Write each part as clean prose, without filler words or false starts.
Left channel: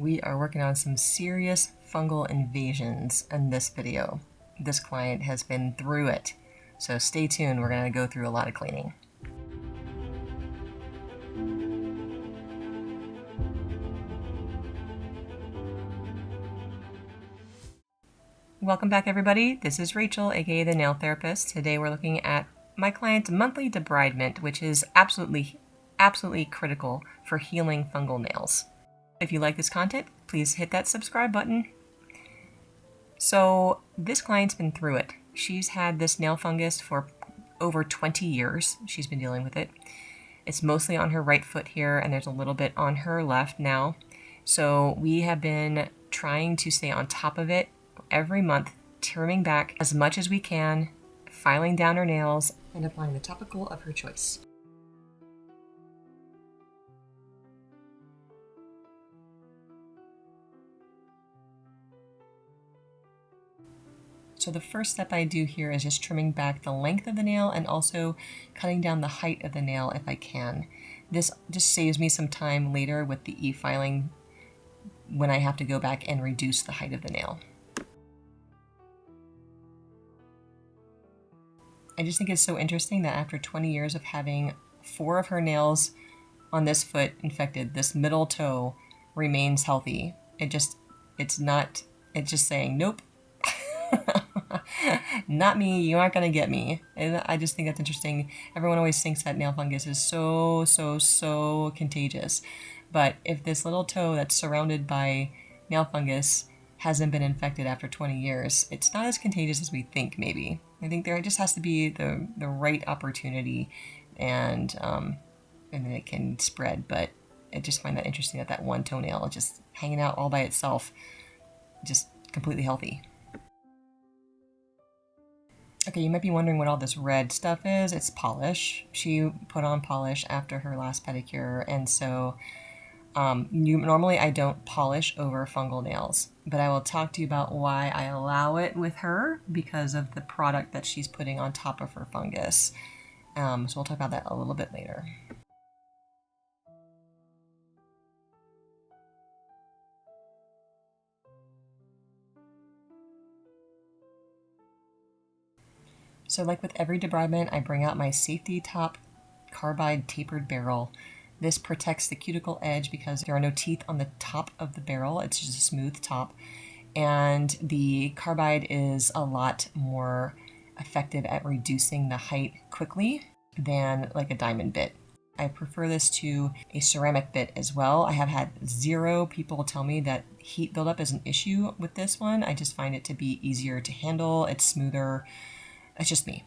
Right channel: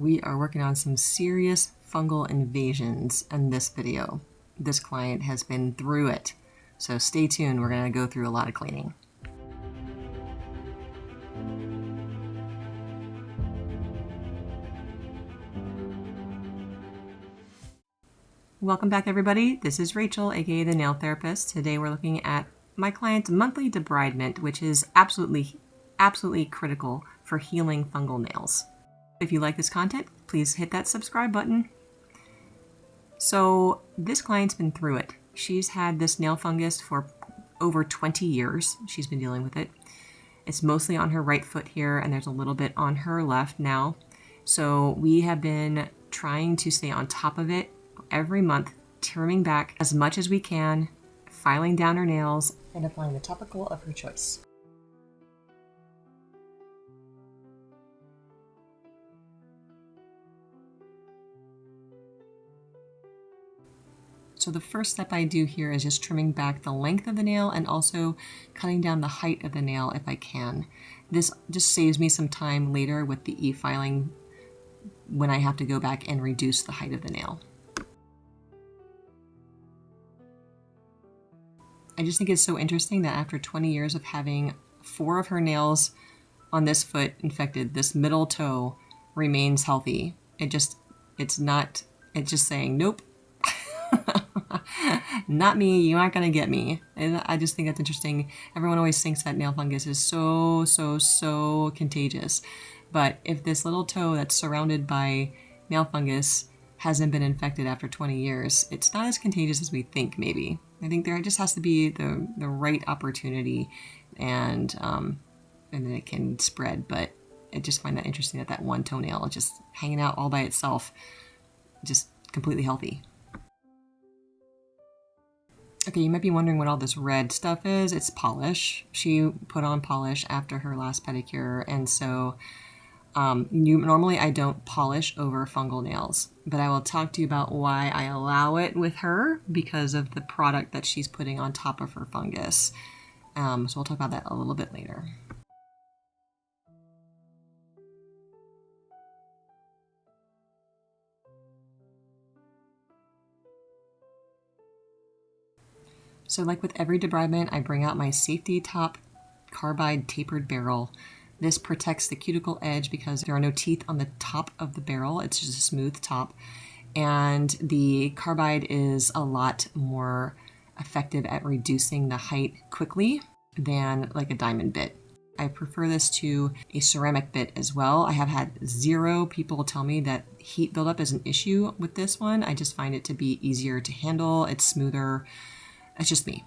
We are working on some serious fungal invasions in this video. This client has been through it, so stay tuned. We're going to go through a lot of cleaning. Welcome back, everybody. This is Rachel, aka the Nail Therapist. Today we're looking at my client's monthly debridement, which is absolutely critical for healing fungal nails. If you like this content, please hit that subscribe button. So this client's been through it. She's had this nail fungus for over 20 years. She's been dealing with it. It's mostly on her right foot here, and there's a little bit on her left now. So we have been trying to stay on top of it every month, trimming back as much as we can, filing down her nails, and applying the topical of her choice. So the first step I do here is just trimming back the length of the nail and also cutting down the height of the nail if I can. This just saves me some time later with the e-filing when I have to go back and reduce the height of the nail. I just think it's so interesting that after 20 years of having 4 of her nails on this foot infected, this middle toe remains healthy. It's just saying, nope, not me, you aren't gonna get me. And I just think that's interesting. Everyone always thinks that nail fungus is so contagious. But if this little toe that's surrounded by nail fungus hasn't been infected after 20 years, it's not as contagious as we think, maybe. I think there just has to be the right opportunity, and then it can spread. But I just find that interesting that one toenail is just hanging out all by itself, just completely healthy. Okay, you might be wondering what all this red stuff is. It's polish. She put on polish after her last pedicure, and so normally I don't polish over fungal nails, but I will talk to you about why I allow it with her because of the product that she's putting on top of her fungus. So we'll talk about that a little bit later. So like with every debridement, I bring out my safety top carbide tapered barrel. This protects the cuticle edge because there are no teeth on the top of the barrel. It's just a smooth top. And the carbide is a lot more effective at reducing the height quickly than like a diamond bit. I prefer this to a ceramic bit as well. I have had 0 people tell me that heat buildup is an issue with this one. I just find it to be easier to handle. It's smoother. It's just me.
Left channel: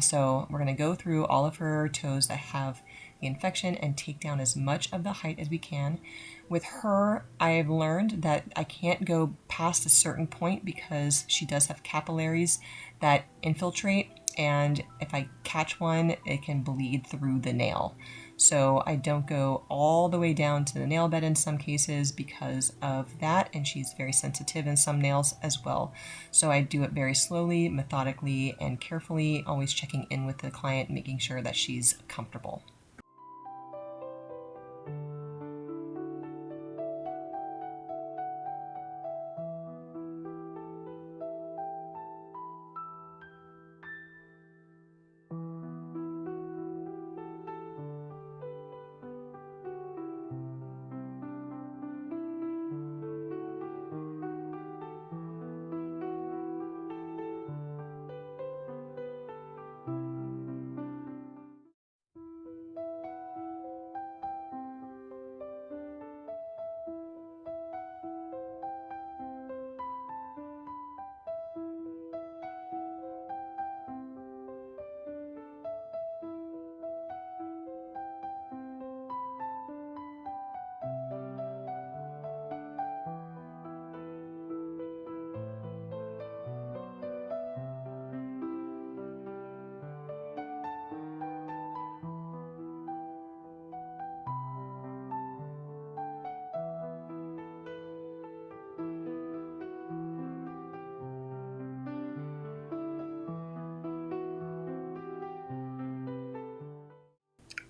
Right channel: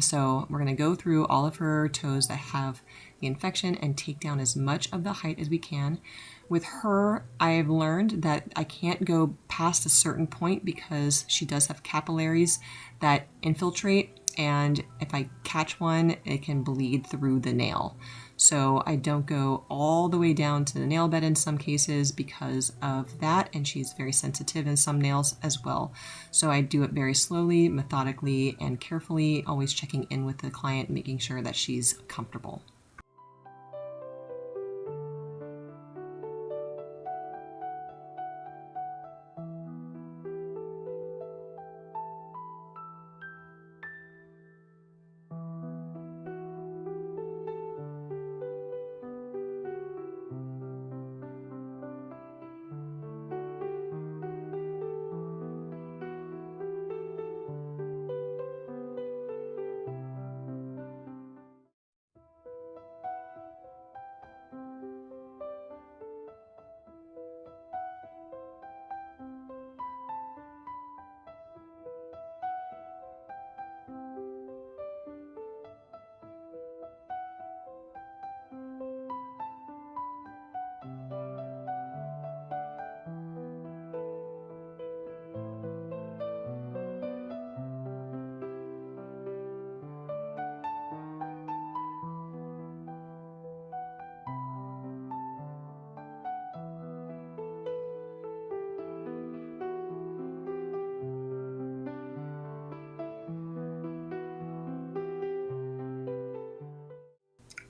So we're going to go through all of her toes that have the infection and take down as much of the height as we can. With her, I've learned that I can't go past a certain point because she does have capillaries that infiltrate, and if I catch one, it can bleed through the nail. So I don't go all the way down to the nail bed in some cases because of that, and she's very sensitive in some nails as well. So I do it very slowly, methodically, and carefully, always checking in with the client, making sure that she's comfortable.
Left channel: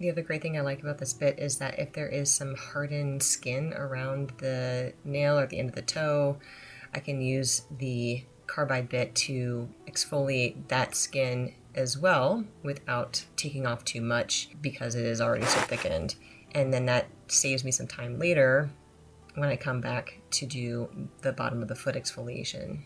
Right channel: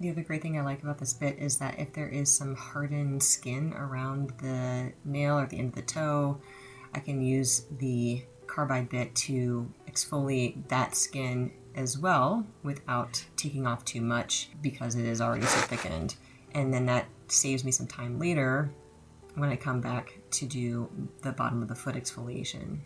The other great thing I like about this bit is that if there is some hardened skin around the nail or the end of the toe, I can use the carbide bit to exfoliate that skin as well without taking off too much because it is already so thickened. And then that saves me some time later when I come back to do the bottom of the foot exfoliation.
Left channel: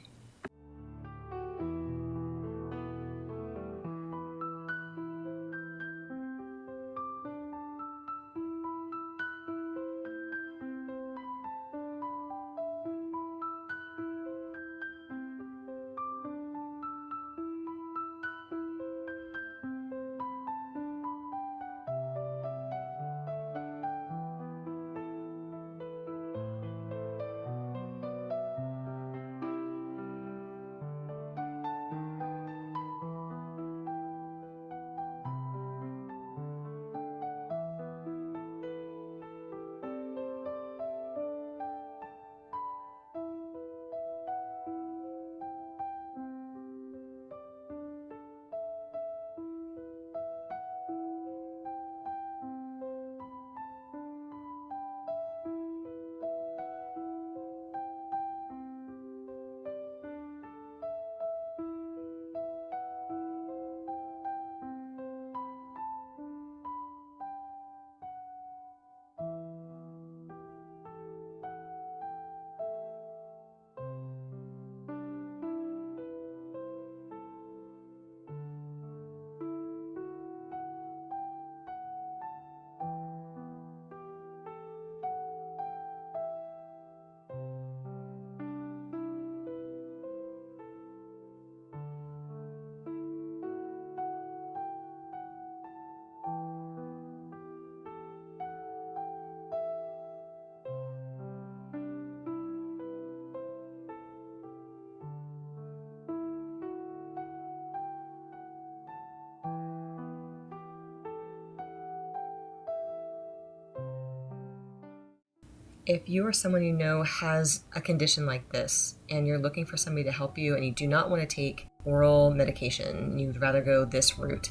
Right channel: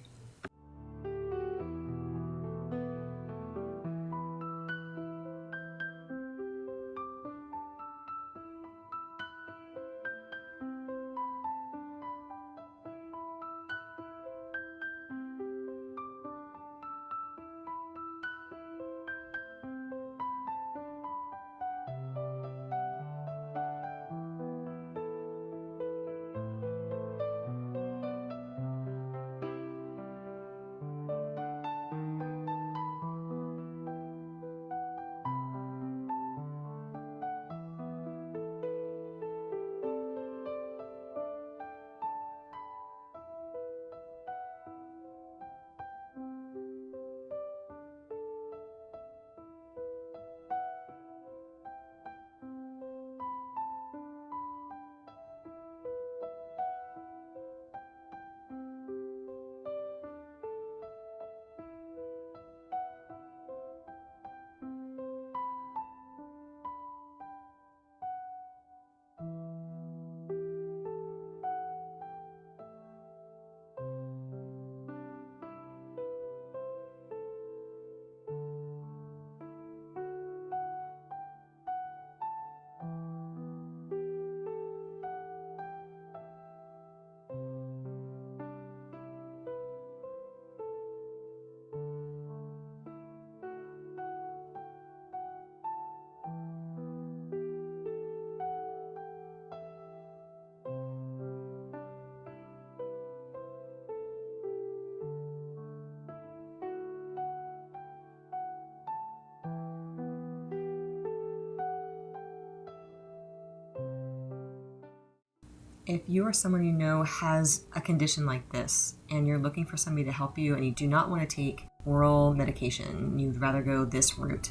If you or someone you know has a condition like this and you're looking for somebody to help you and you do not want to take oral medication, you'd rather go this route,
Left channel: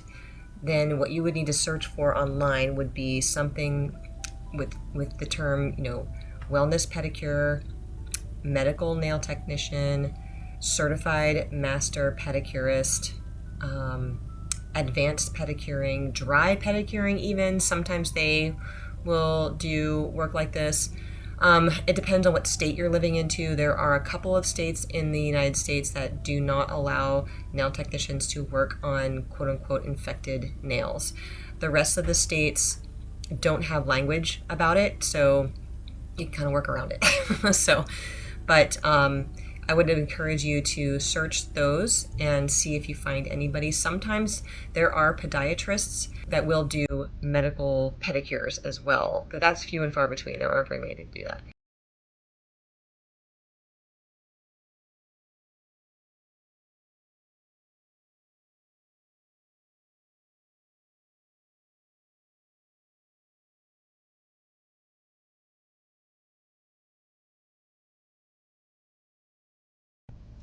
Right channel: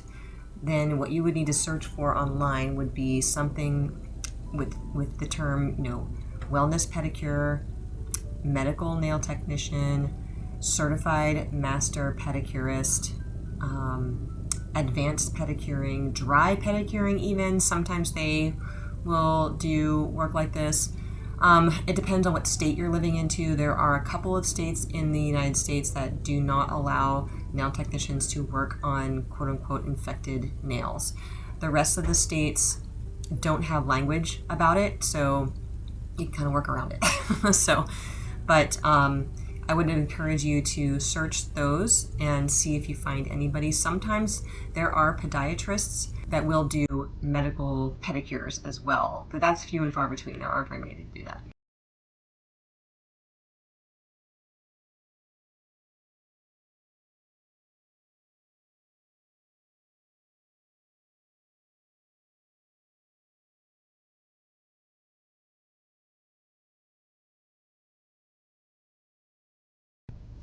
then what you would need to search for online would be something with the term, wellness pedicure, medical nail technician, certified master pedicurist, advanced pedicuring, dry pedicuring even. Sometimes they will do work like this. It depends on what state you're living into. There are a couple of states in the United States that do not allow nail technicians to work on quote unquote infected nails. The rest of the states don't have language about it, so you can kind of work around it. But I would encourage you to search those and see if you find anybody. Sometimes there are podiatrists that will do medical pedicures as well, but that's few and far between. There aren't very many to do that.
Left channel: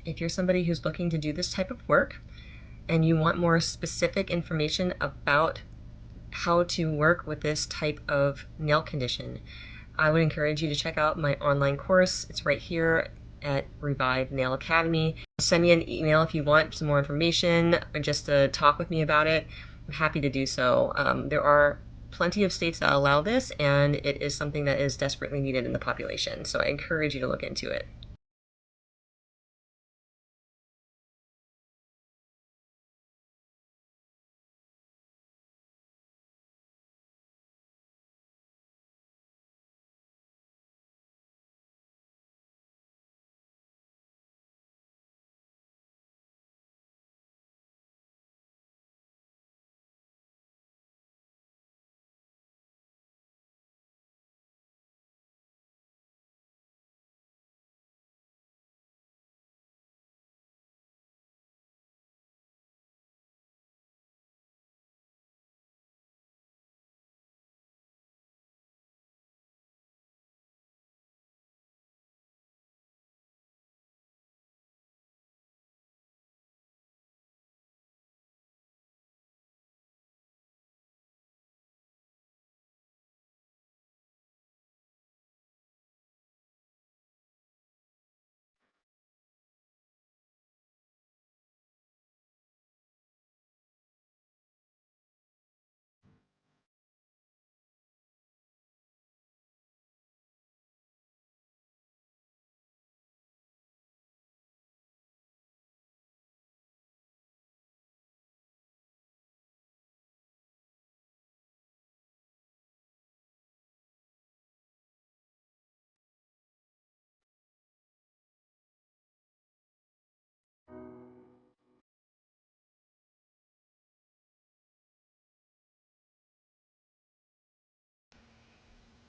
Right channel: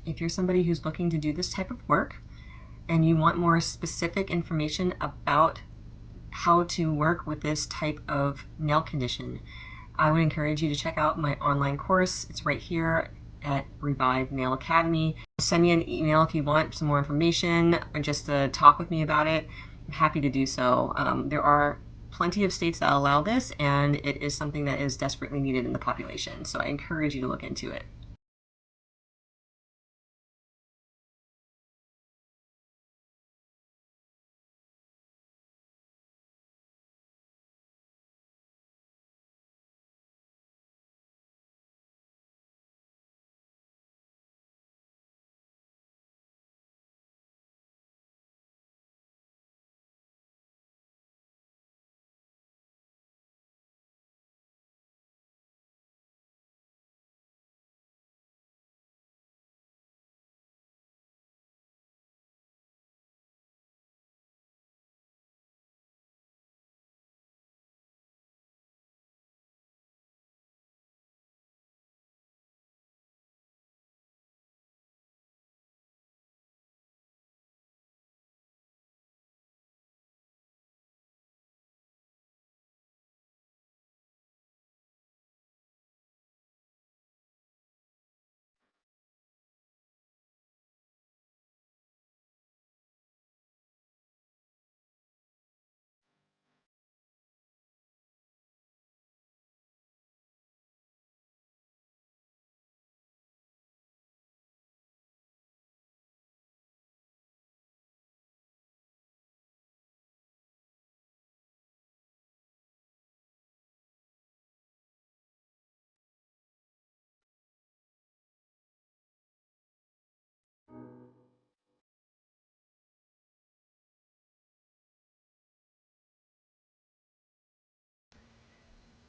If you're somebody who's looking to do this type of work and you want more specific information about how to work with this type of nail condition, I would encourage you to check out my online course. It's right here at Revive Nail Academy. Send me an email if you want some more information or just to talk with me about it. I'm happy to do so. There are plenty of states that allow this, and it is something that is desperately needed in the population. So I encourage you to look into it.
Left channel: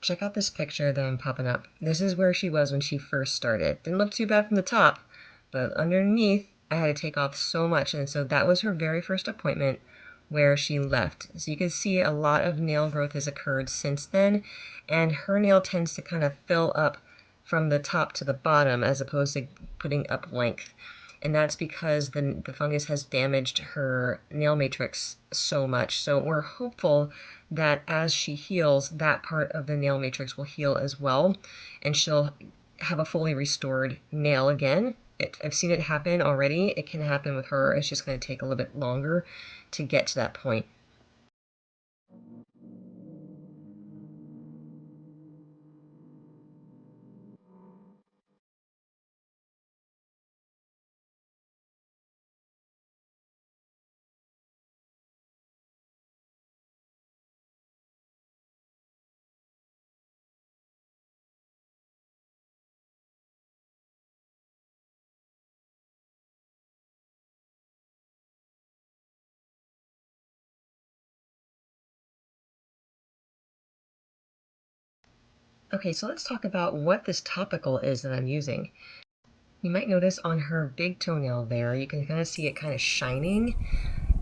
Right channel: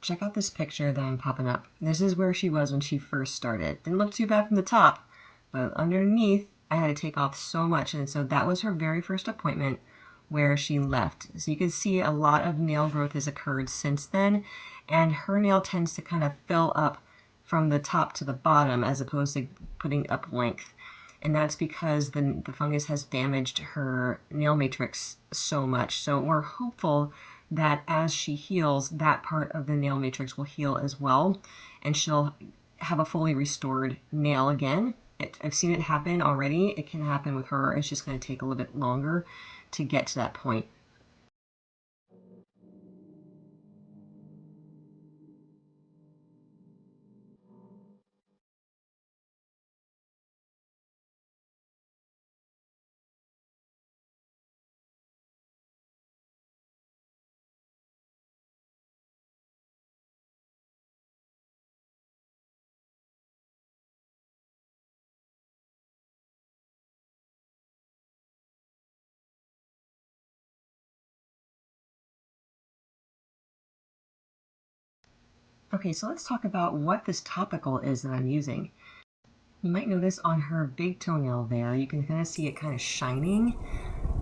Check out this picture that I'm popping up. This is where she was when she first started. Didn't look too bad from the top, but underneath I had to take off so much. And so that was her very first appointment where she left. So you can see a lot of nail growth has occurred since then, and her nail tends to kind of fill up from the top to the bottom as opposed to putting up length. And that's because the fungus has damaged her nail matrix so much. So we're hopeful that as she heals, that part of the nail matrix will heal as well, and she'll have a fully restored nail again. I've seen it happen already. It can happen with her. It's just going to take a little bit longer to get to that point. Okay, so let's talk about what this topical is that I'm using. You might notice on her big toenail there, you can kind of see it kind of shining,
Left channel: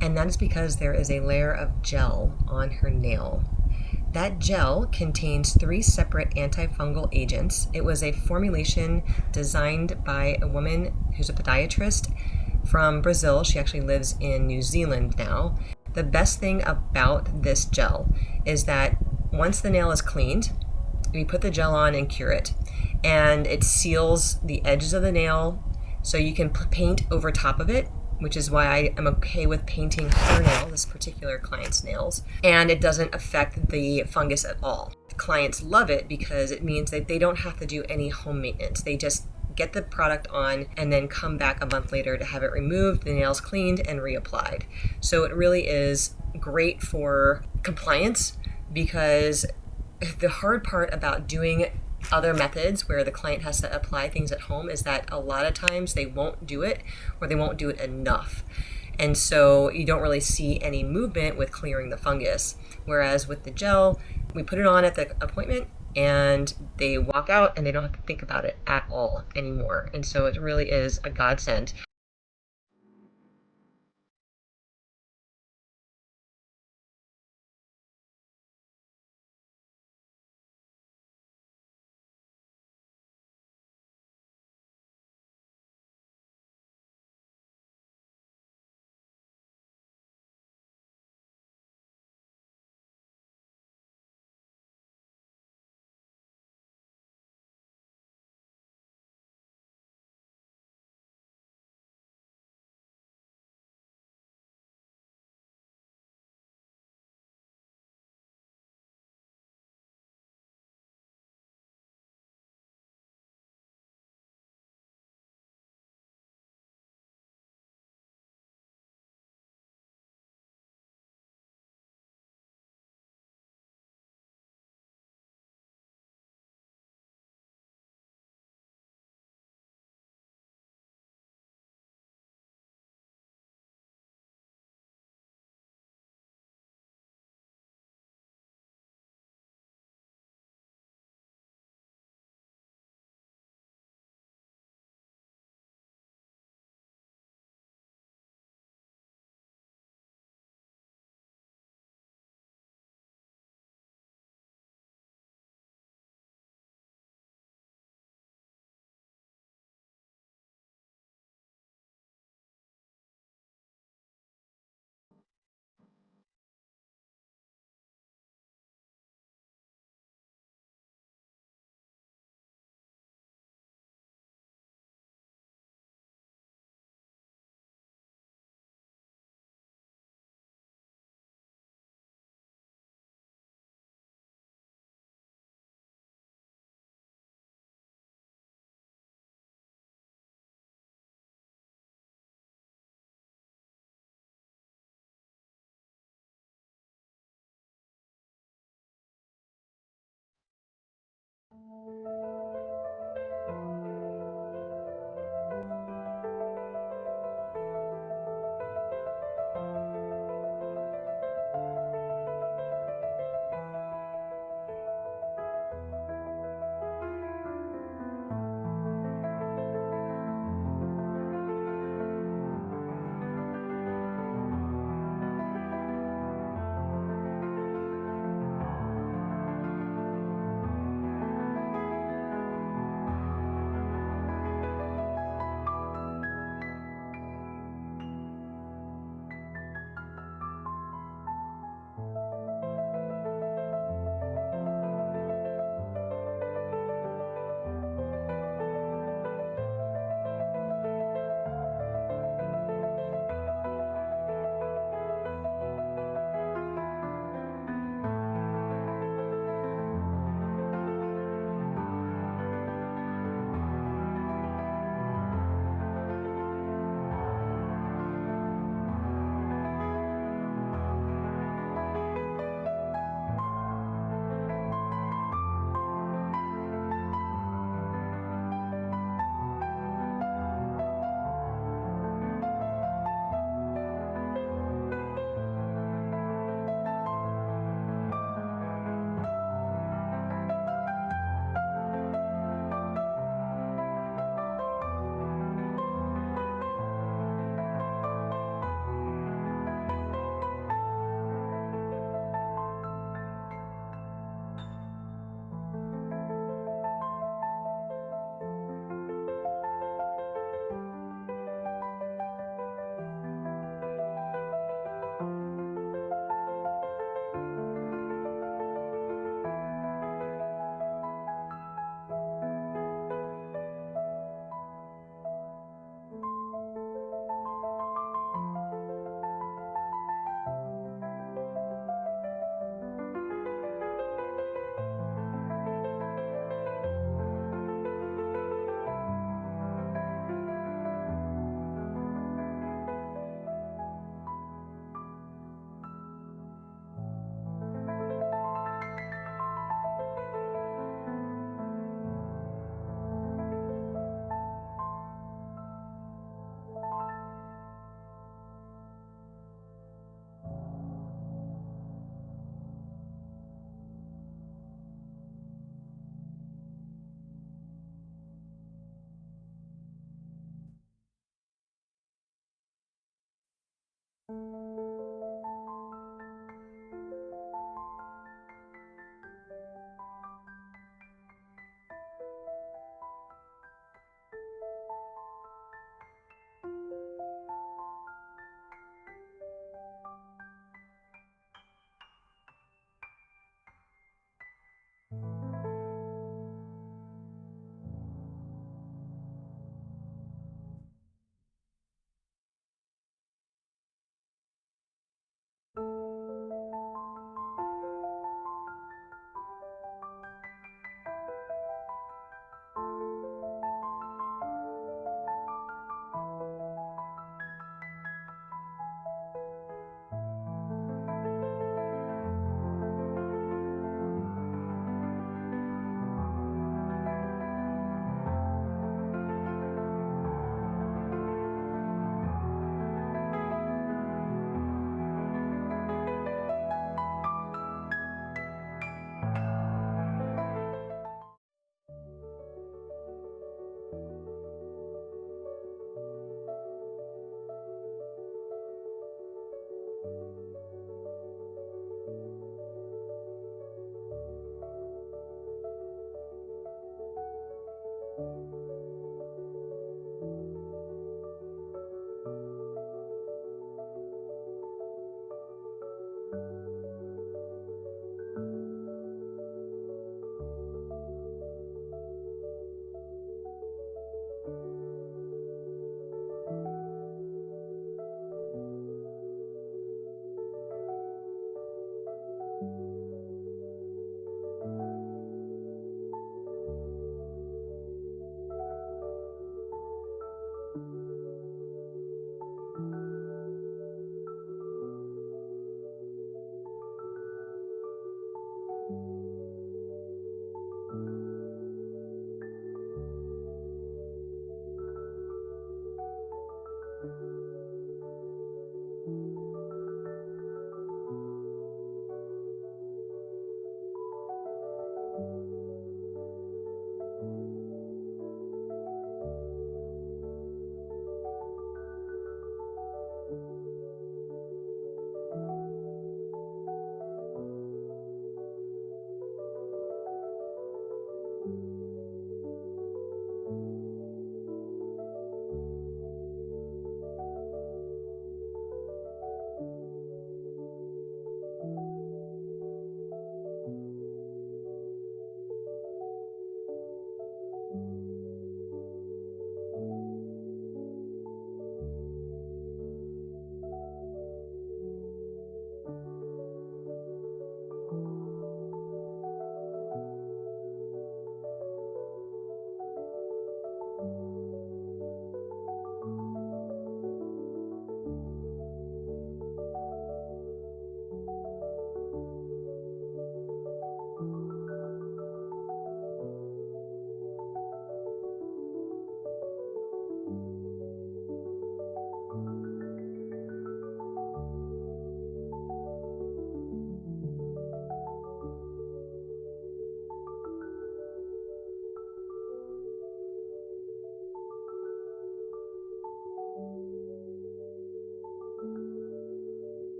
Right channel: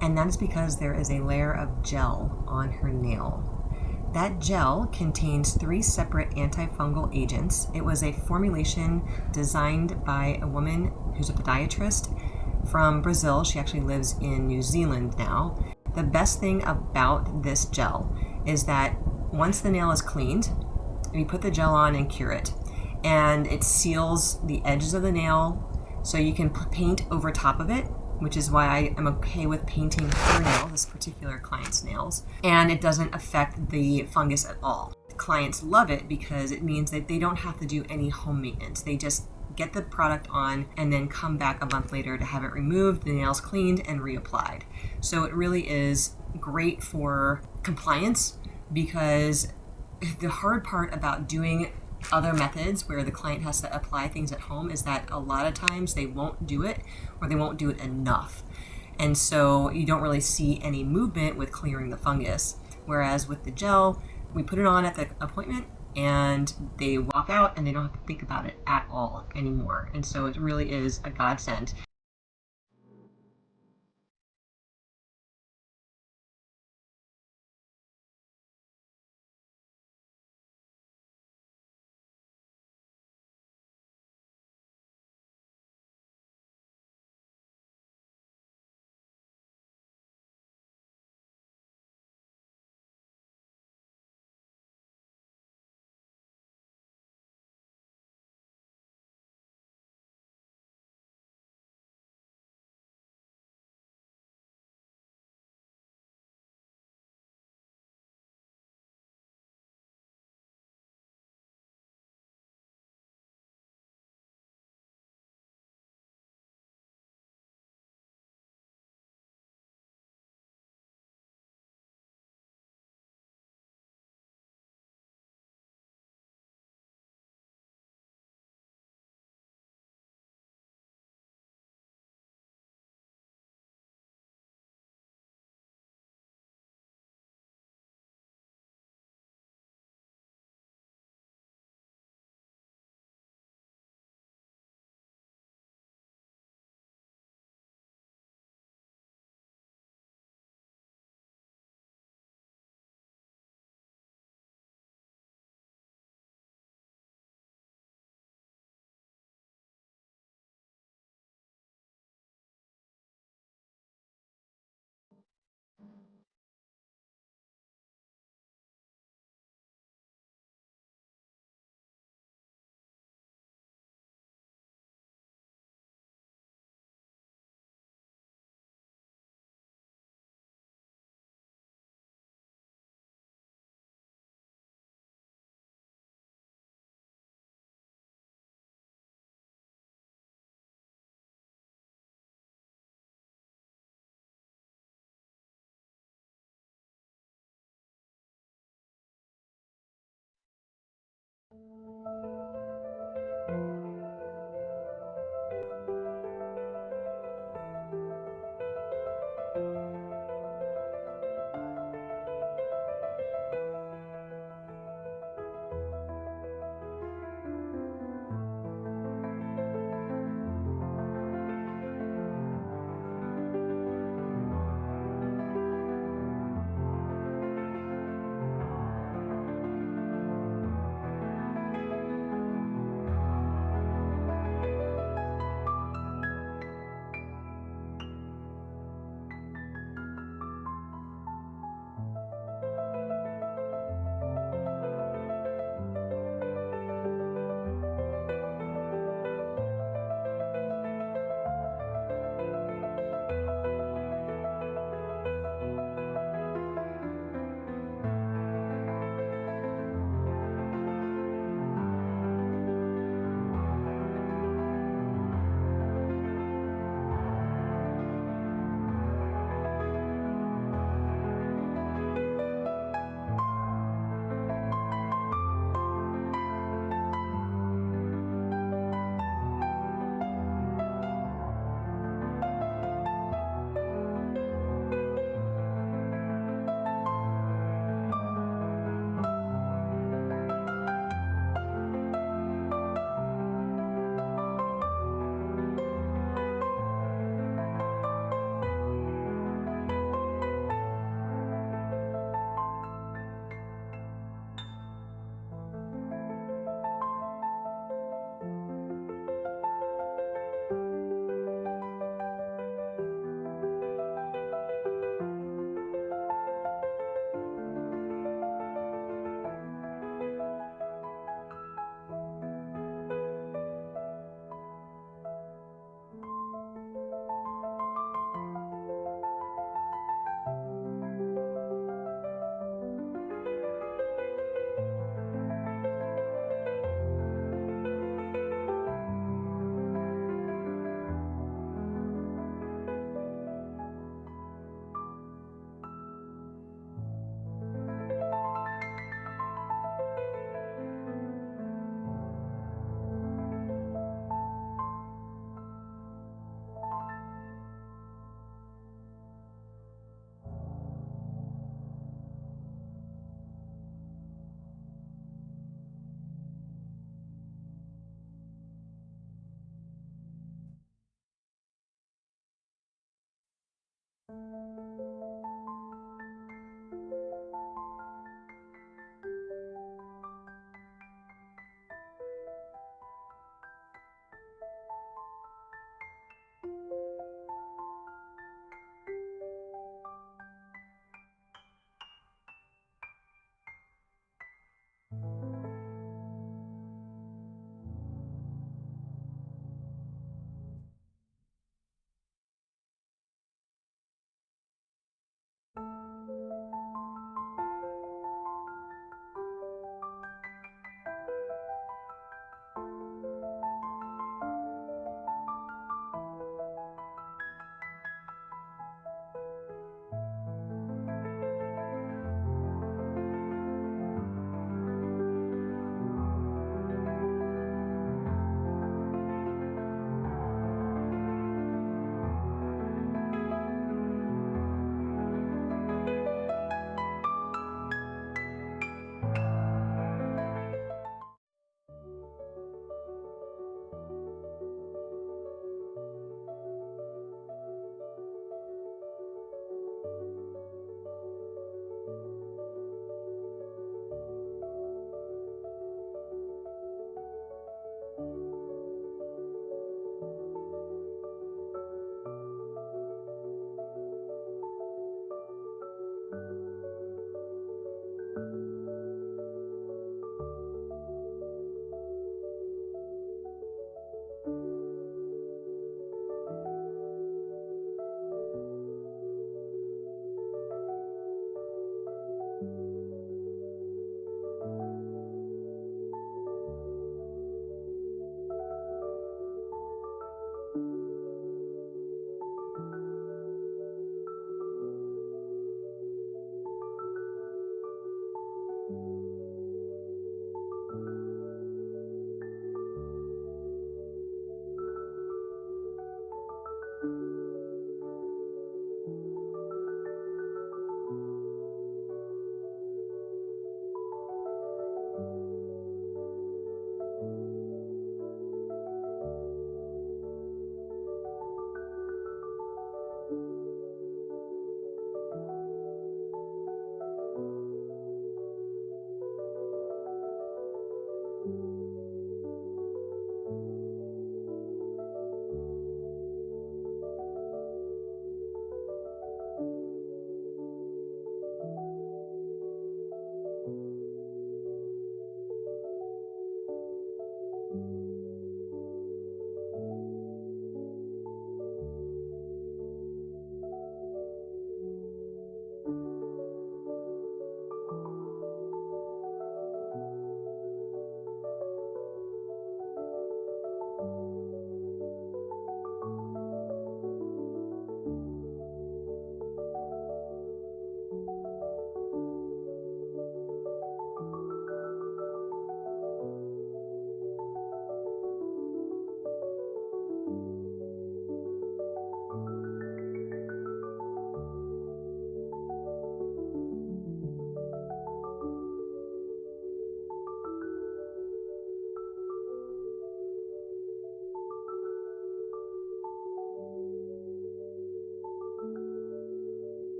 and that is because there is a layer of gel on her nail. That gel contains 3 separate antifungal agents. It was a formulation designed by a woman who's a podiatrist from Brazil. She actually lives in New Zealand now. The best thing about this gel is that once the nail is cleaned, we put the gel on and cure it. And it seals the edges of the nail so you can paint over top of it, which is why I am okay with painting her nail, this particular client's nails, and it doesn't affect the fungus at all. Clients love it because it means that they don't have to do any home maintenance. They just get the product on and then come back a month later to have it removed, the nails cleaned, and reapplied. So it really is great for compliance, because the hard part about doing other methods where the client has to apply things at home is that a lot of times they won't do it, or they won't do it enough. And so you don't really see any movement with clearing the fungus. Whereas with the gel, we put it on at the appointment and they walk out and they don't have to think about it at all anymore. And so it really is a godsend.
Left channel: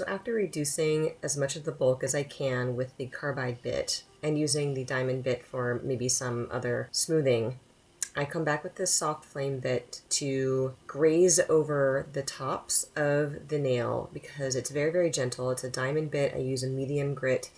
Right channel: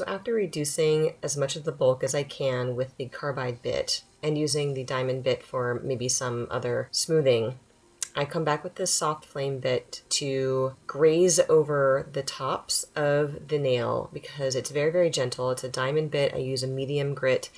So after reducing as much of the bulk as I can with the carbide bit and using the diamond bit for maybe some other smoothing, I come back with this soft flame bit to graze over the tops of the nail because it's very, very gentle. It's a diamond bit. I use a medium grit,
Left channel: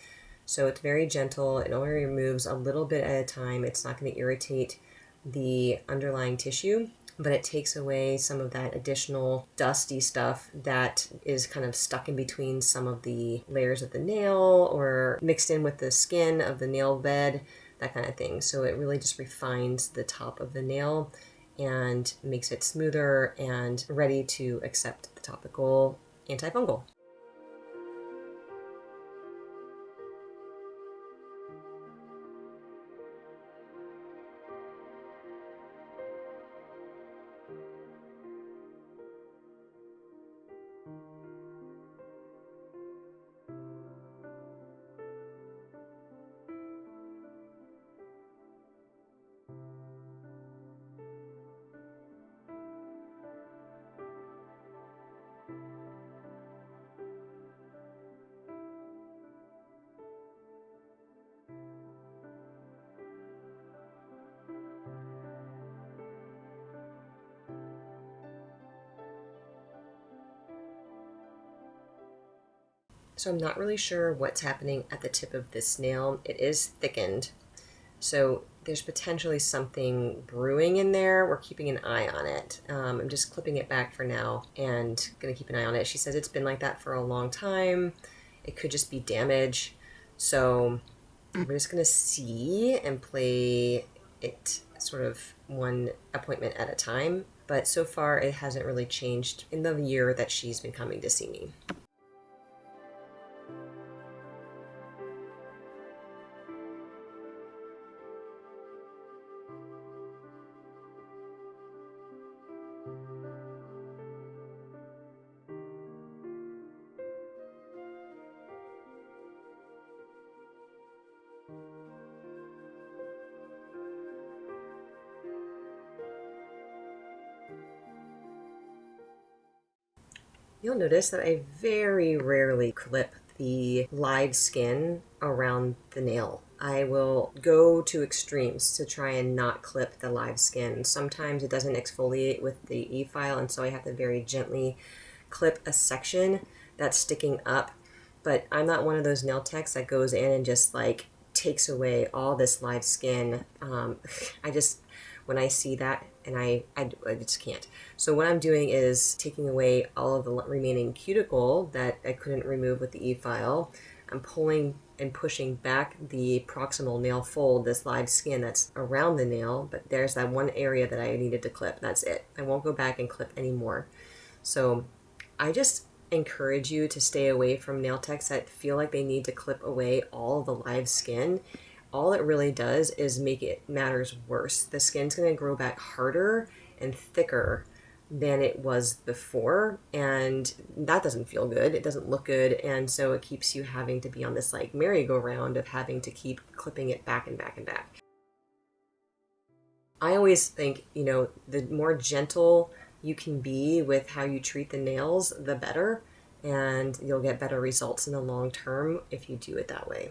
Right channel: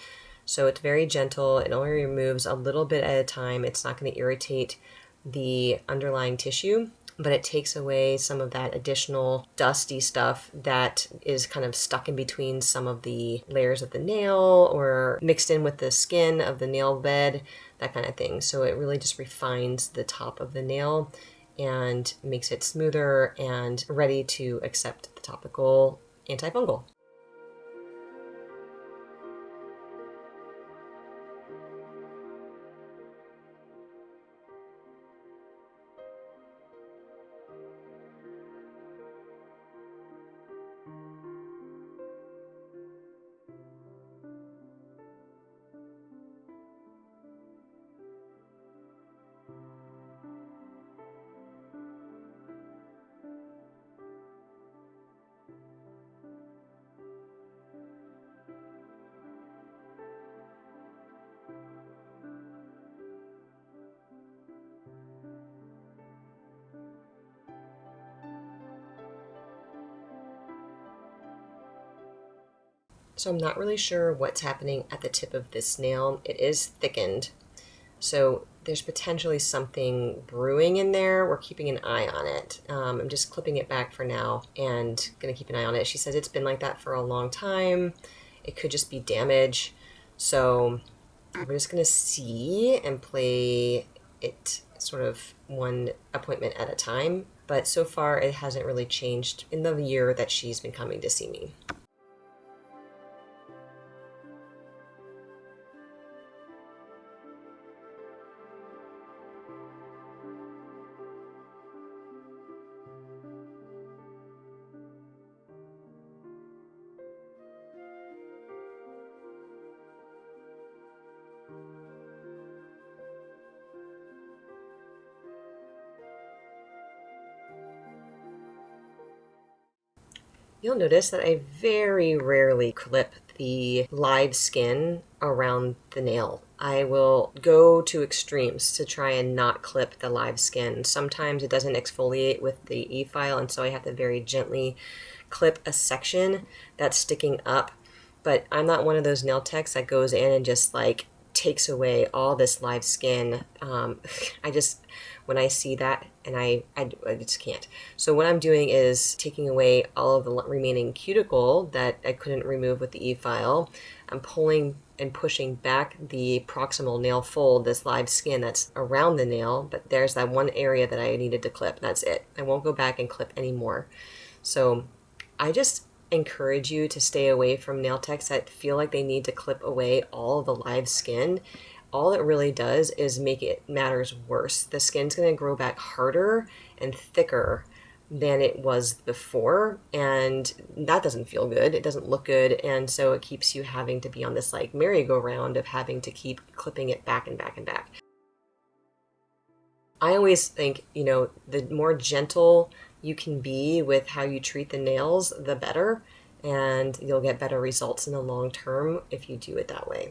so it's very gentle. It only removes a little bit at a time. It's not going to irritate the underlying tissue, but it takes away some of that additional dusty stuff that is kind of stuck in between some of the layers of the nail or mixed in with the skin of the nail bed, that kind of thing. So it really just refines the top of the nail and makes it smoother and ready to accept the topical antifungal. So I'm not really sure what's happening at the tip of this nail. It is thickened, so there's potentially something brewing in there. We're keeping an eye on it. I'm just clipping it back for now and gonna keep an eye on it. She says it's been like that for a long time. It could just be damage. So we're just gonna see and play it sort of one appointment at a time. But so far it hasn't really changed in the year that she's been coming to see me. You'll notice that I very rarely clip the live skin around the nail. I will go to extremes to try and not clip the live skin. Sometimes it doesn't exfoliate with the e-file, and so I have to very gently clip a section that's sticking up. But I'm not one of those nail techs that goes in and just like takes away all this live skin. When I see that, and I just can't. So what I'm doing is taking away all of the remaining cuticle that I couldn't remove with the e-file. I'm pulling and pushing back the proximal nail fold, this live skin that's around the nail, but there's that one area that I needed to clip. That's it. I won't go back and clip anymore. So I just encourage you to stay away from nail techs that feel like they need to clip away all of the live skin. All it really does is make it matters worse. The skin's going to grow back harder and thicker than it was before, and that doesn't feel good. It doesn't look good, and so it keeps you having to be on this like merry-go-round of having to keep clipping it back and back and back. I always think, the more gentle you can be with how you treat the nails, the better, and you'll get better results in the long term if you do it that way.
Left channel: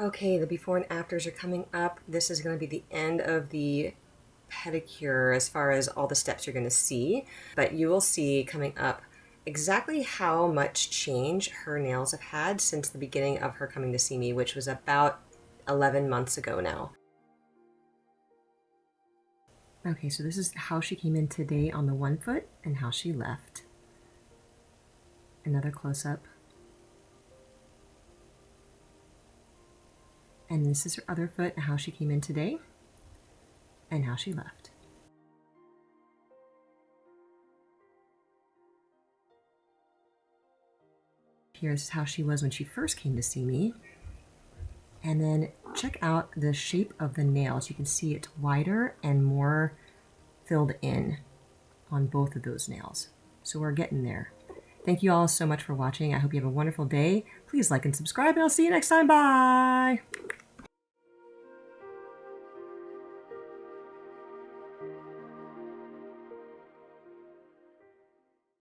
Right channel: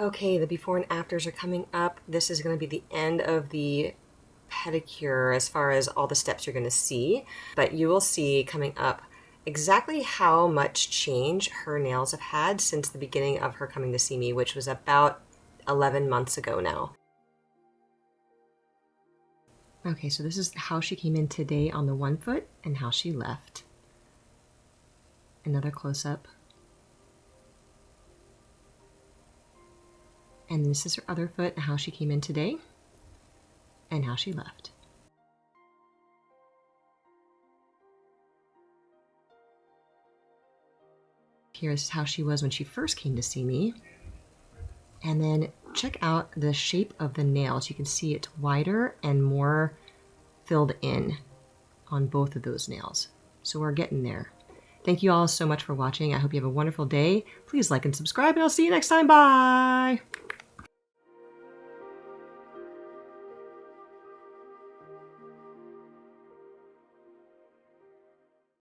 Okay, the before and afters are coming up. This is going to be the end of the pedicure as far as all the steps you're going to see, but you will see coming up exactly how much change her nails have had since the beginning of her coming to see me, which was about 11 months ago now. Okay, so this is how she came in today on the one foot and how she left. Another close-up. And this is her other foot and how she came in today and how she left. Here's how she was when she first came to see me. And then check out the shape of the nails. You can see it's wider and more filled in on both of those nails. So we're getting there. Thank you all so much for watching. I hope you have a wonderful day. Please like and subscribe, and I'll see you next time. Bye!